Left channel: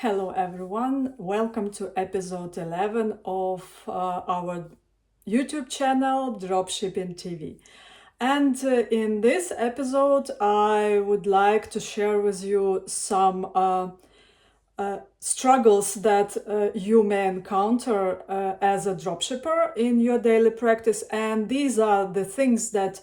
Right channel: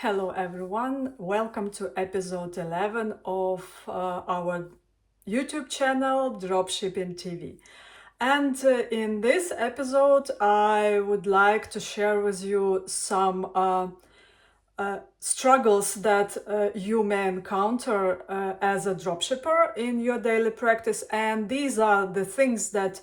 Hello everyone, welcome to episode 11 of our YouTube channel Dropshipping TV. And in this episode I would like to share with you some struggles that you may encounter as a dropshipper in your daily practice, and these are the things that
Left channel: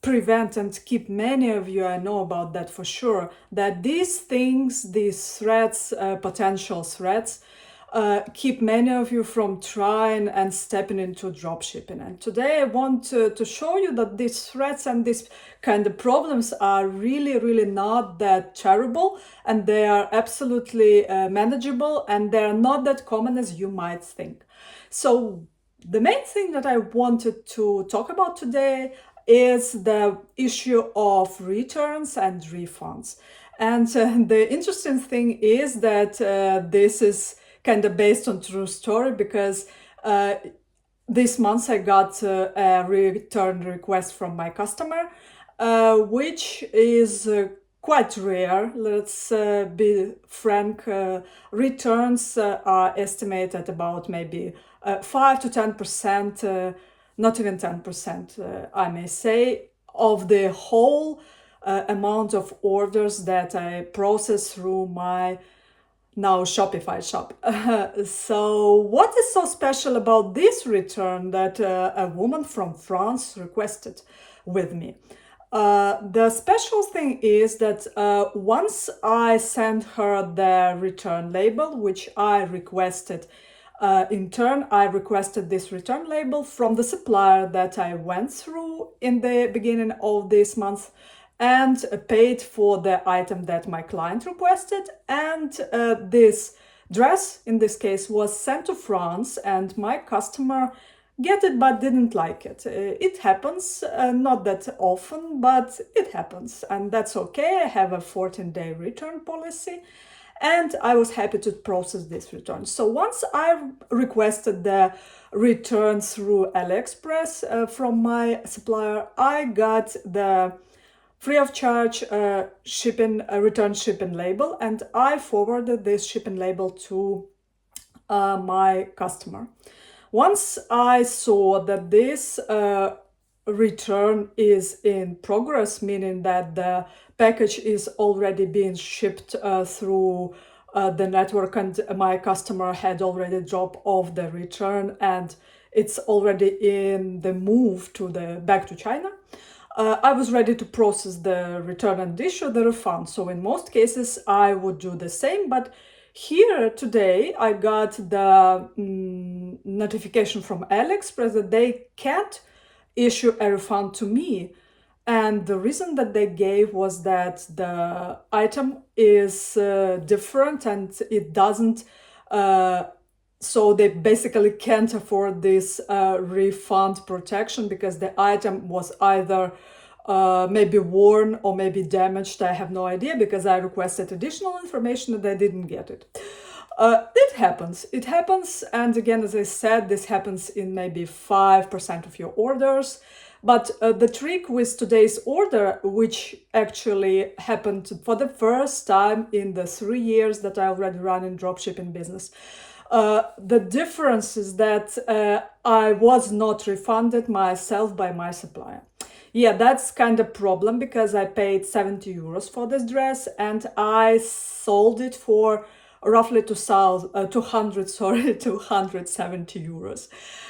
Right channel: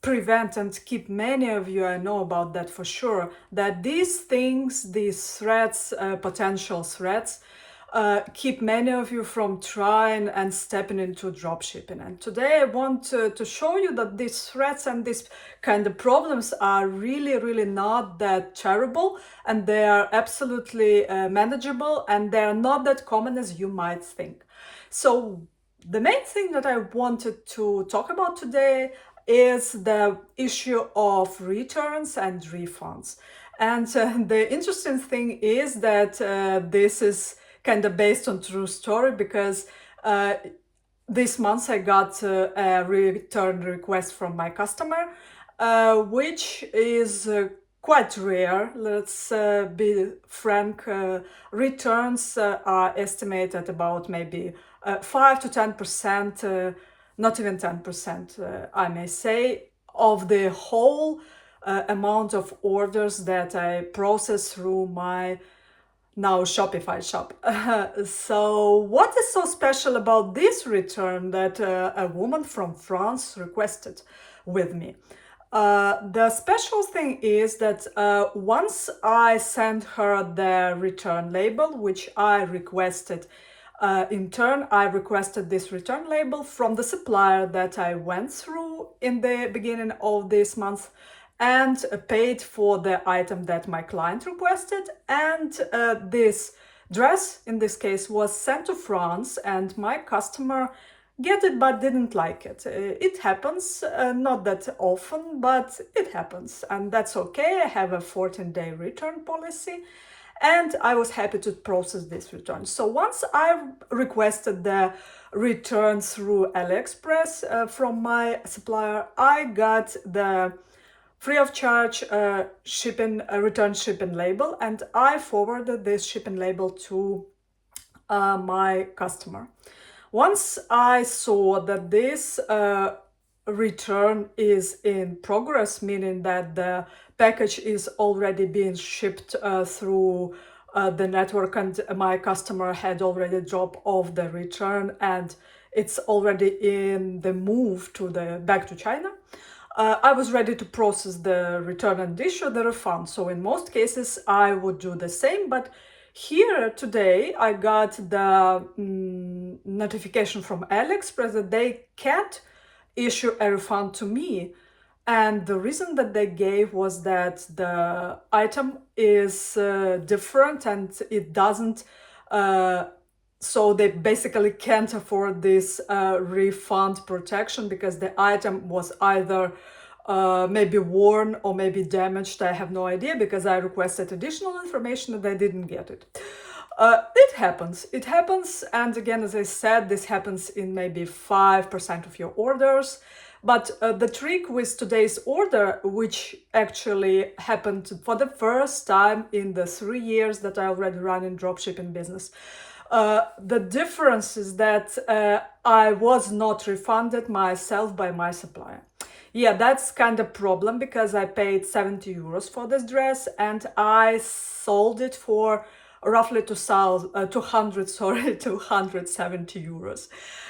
prevent and keep many of you, I know about that for sure, that these things, these threats, potential threats, keep many of you from trying and stepping into dropshipping. And today I want to show you that these threats and these kind of problems are really not that terrible, and they are absolutely manageable, and they are not that common as you might think. So the main thing that I wanted to talk about today is the issue of returns and refunds. And the interesting thing is that this is kind of based on true story, because this month I got a return request from my customer, which is quite rare. Let's be frank. Returns are estimated at about maybe 5 to 10%, not even 10%, I may say, of the whole amount of orders that I process through my now Shopify shop. So what is so special about this return that a woman from France requested with me? The special thing is that once I sent her the return label, which I requested, in turn, I requested this return label from the supplier that I went through in the beginning of this month, and paid for the item that my client requested. And this dress, in this case, was sent to France, and my customer get it but didn't like it. It happens, not that often, but it happens, and that's okay. I have a 14-day return policy, and I was happy to process this return. So once I requested the return through AliExpress from my supplier, I got the free of charge return shipping label, and I forwarded this shipping label to my customer. Once I saw that this return is in progress, meaning that the package is already being shipped through the network, and my customer had already dropped off the return, and it's already in the move to the back to China, I was ready to process the return and issue the refund. So in most cases, I would do the same. But here today, I got the notification from AliExpress that they can't issue a refund to me. And the reason that they gave was that the item is different, and it doesn't so they basically can't afford this refund protection, because the item was either maybe worn or maybe damaged. I have no idea, because I requested additional information and I didn't get it. It happens. It happens. And again, as I said, this happens in maybe 5% of your orders. But the trick with today's order, which actually happened for the first time in the 3 years that I already run in dropshipping business, the difference is that I was not refunded myself by my supplier. Yeah, that's kind of problem, because I paid 70 euros for this dress, and I sold it for roughly 270 euros.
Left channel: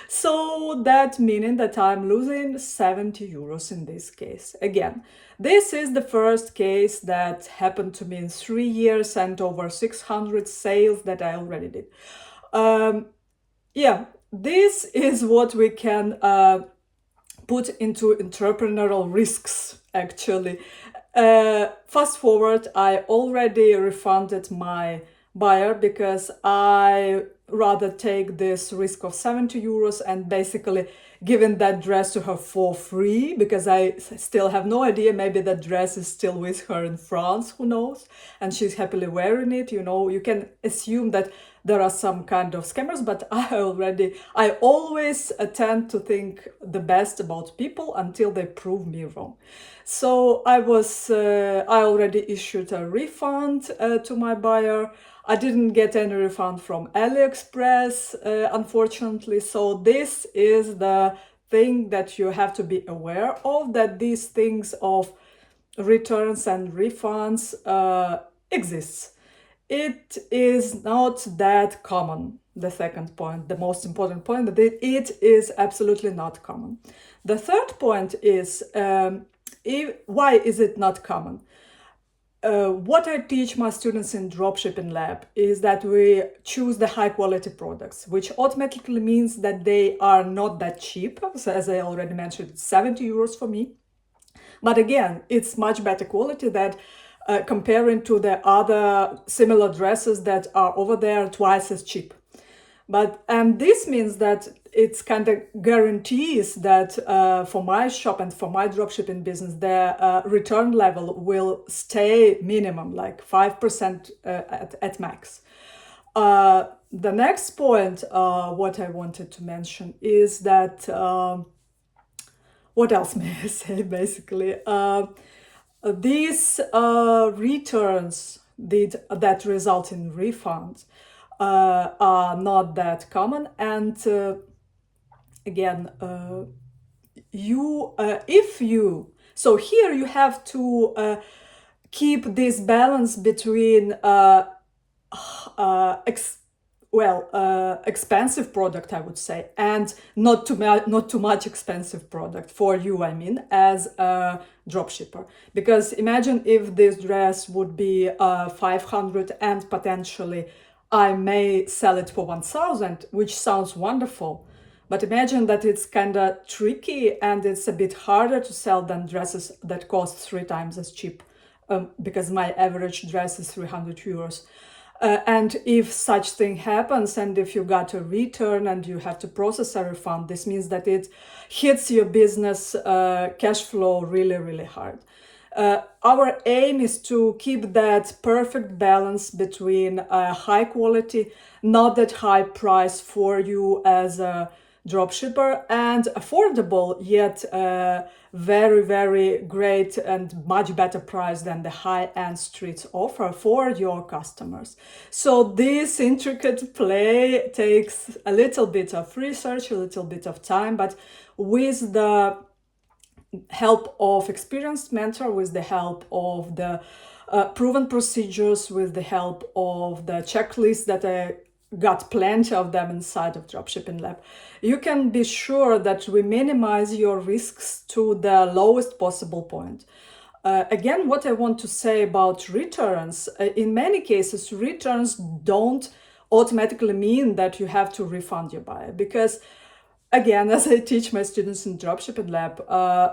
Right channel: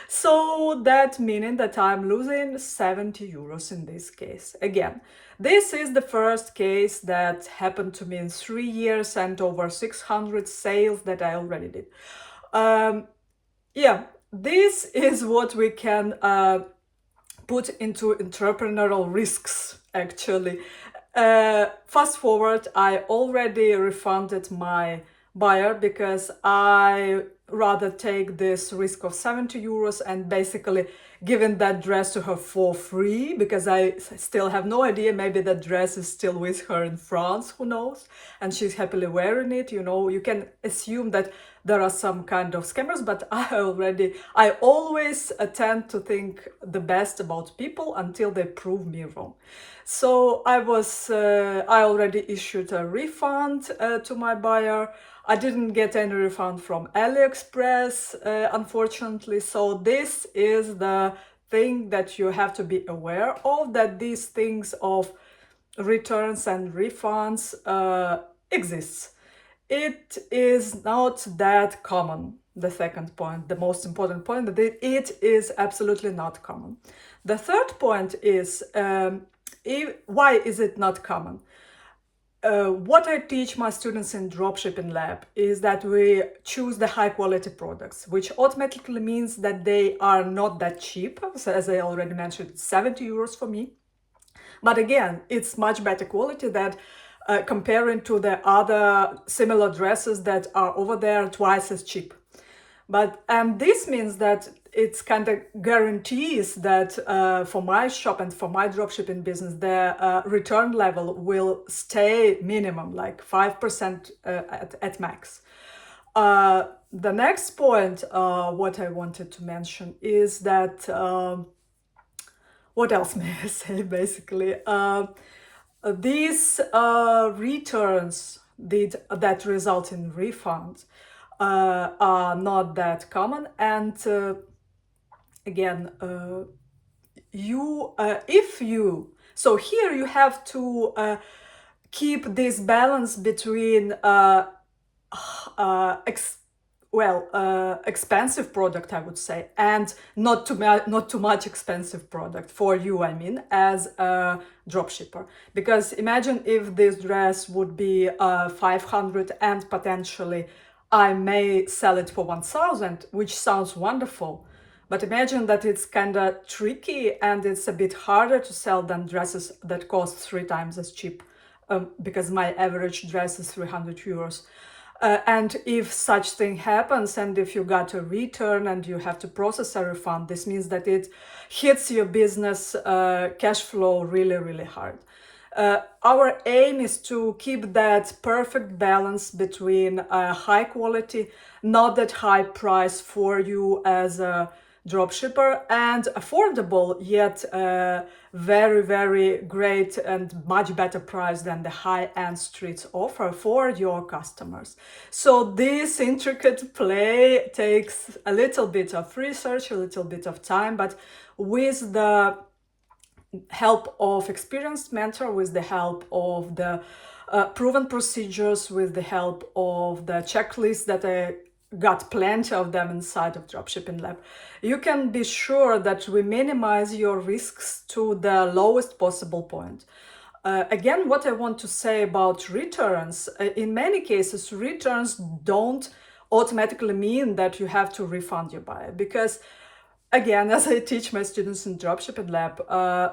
So that meaning that I'm losing 70 euros in this case. Again, this is the first case that happened to me in 3 years and over 600 sales that I already did. Yeah, this is what we can put into entrepreneurial risks, actually. Fast forward, I already refunded my buyer, because I rather take this risk of 70 euros and basically giving that dress to her for free, because I still have no idea, maybe that dress is still with her in France, who knows, and she's happily wearing it. You know, you can assume that there are some kind of scammers, but I always tend to think the best about people until they prove me wrong. So I already issued a refund to my buyer. I didn't get any refund from AliExpress, unfortunately. So this is the thing that you have to be aware of, that these things of returns and refunds exists. It is not that common. The second point, the most important point, that it is absolutely not common. The third point is why is it not common? What I teach my students in dropshipping lab is that we choose the high quality products, which automatically means that they are not that cheap. So as I already mentioned, it's 70 euros for me. But again, it's much better quality that comparing to the other similar dresses that are over there twice as cheap. And this means that it's kind of guarantees that for my shop and for my dropshipping business, the return level will stay minimum, like 5% at max. The next point, what I wanted to mention is that, what else may I say, basically? These returns that result in refunds are not that common, and again, so here you have to keep this balance between expensive product, I would say, and not too much expensive product for you, I mean, as a dropshipper. Because imagine if this dress would be 500 and potentially I may sell it for 1,000, which sounds wonderful. But imagine that it's kind of tricky and it's a bit harder to sell than dresses that cost 3 times as cheap, because my average dress is 300 euros. And if such thing happens, and if you got a return and you have to process a refund, this means that it hits your business cash flow really, really hard. Our aim is to keep that perfect balance between high quality, not that high price for you as a dropshipper, and affordable, yet very, very great and much better price than the high-end streets offer for your customers. So this intricate play takes a little bit of research, a little bit of time, but with the help of experienced mentor, with the help of the proven procedures, with the help of the checklist that I got plenty of them inside of Dropshipping Lab, you can be sure that we minimize your risks to the lowest possible point. Again, what I want to say about returns, in many cases, returns don't automatically mean that you have to refund your buyer, because again, as I teach my students in Dropshipping Lab,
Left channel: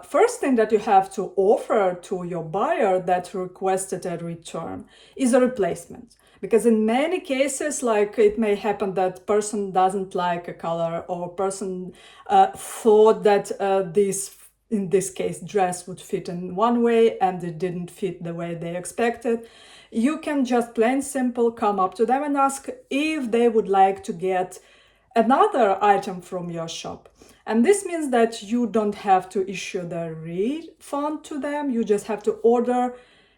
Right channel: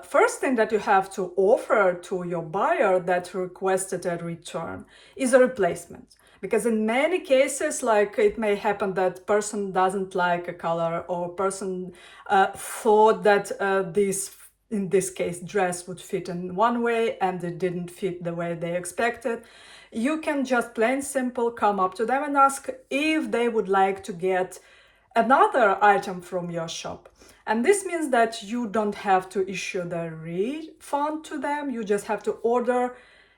first thing that you have to offer to your buyer that requested a return is a replacement. Because in many cases, like it may happen that person doesn't like a color, or person thought that in this case, dress would fit in one way and it didn't fit the way they expected. You can just plain simple come up to them and ask if they would like to get another item from your shop. And this means that you don't have to issue the refund to them. You just have to order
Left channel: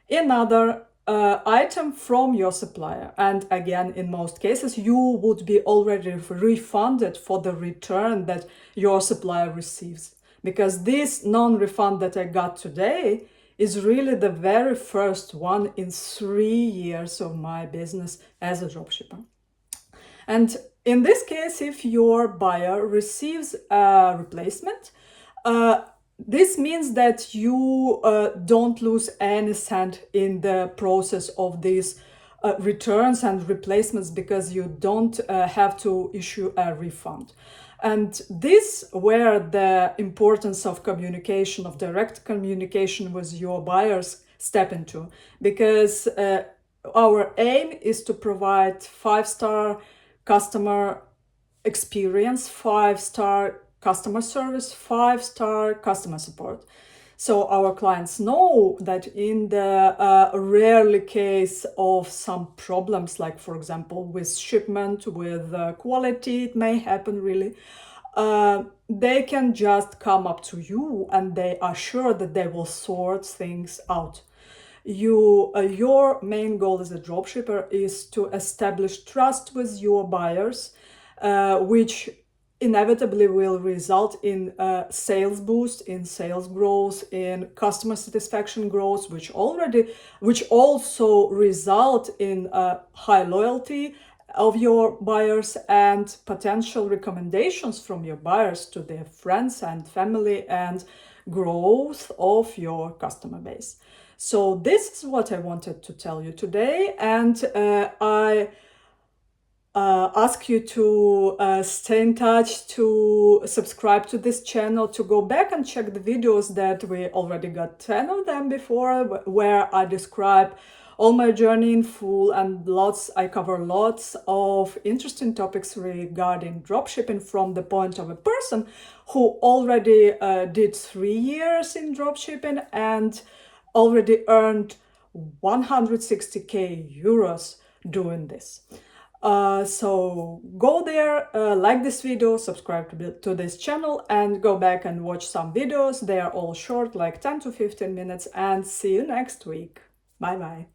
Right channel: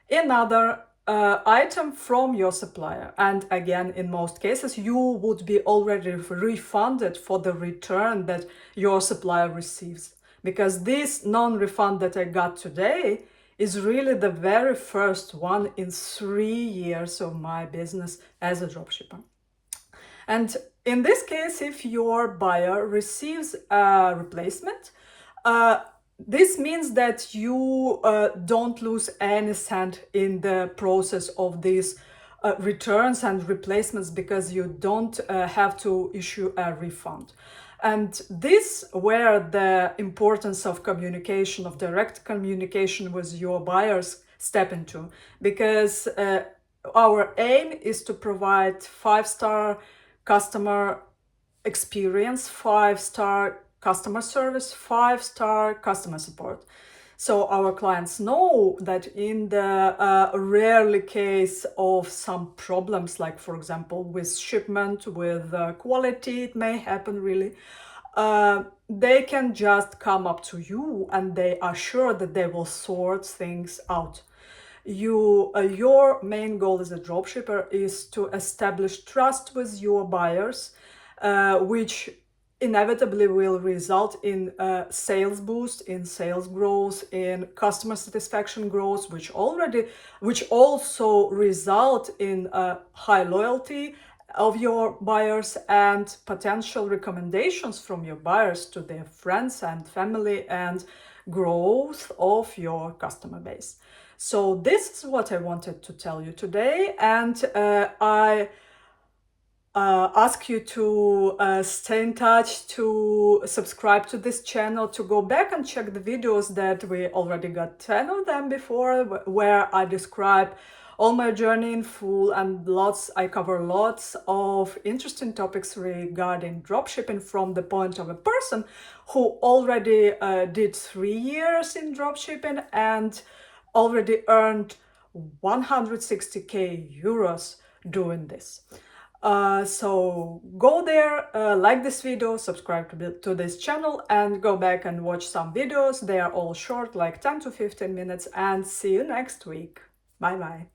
another item from your supplier. And again, in most cases, you would be already refunded for the return that your supplier receives. Because this non-refund that I got today is really the very first one in 3 years of my business as a dropshipper. And in this case, if your buyer receives a replacement, this means that you don't lose any cent in the process of these returns and replacements, because you don't have to issue a refund. And this where the importance of communication, of direct communication with your buyers step into, because our aim is to provide 5-star customer experience, 5-star customer service, 5-star customer support. So our clients know that in the rarely case of some problems, like for example with shipment, with quality, it may happen really, they can just come up to you and they are sure that they will sort things out. Your main goal as a dropshipper is to establish trust with your buyers, which inevitably will result in sales boost, in sales growth, in customer satisfaction growth, which also result in high loyalty of your buyers and potential recommendations from your buyers to their friends and family, and growth of your customer base. So this is what I wanted to tell you today, and I ask you to stay in touch, to subscribe to this channel, to go back and check the videos that we already got 10 of them before, where I describe all my journey in full, and I cover lots of interesting topics regarding dropshipping from the point of a person who already did 3 years in dropshipping and already earned 160k euros doing this. So go there, like this video, subscribe to this channel, and go back and watch some videos. They are all short, like 10 to 15 minutes, and see you next week. Bye bye.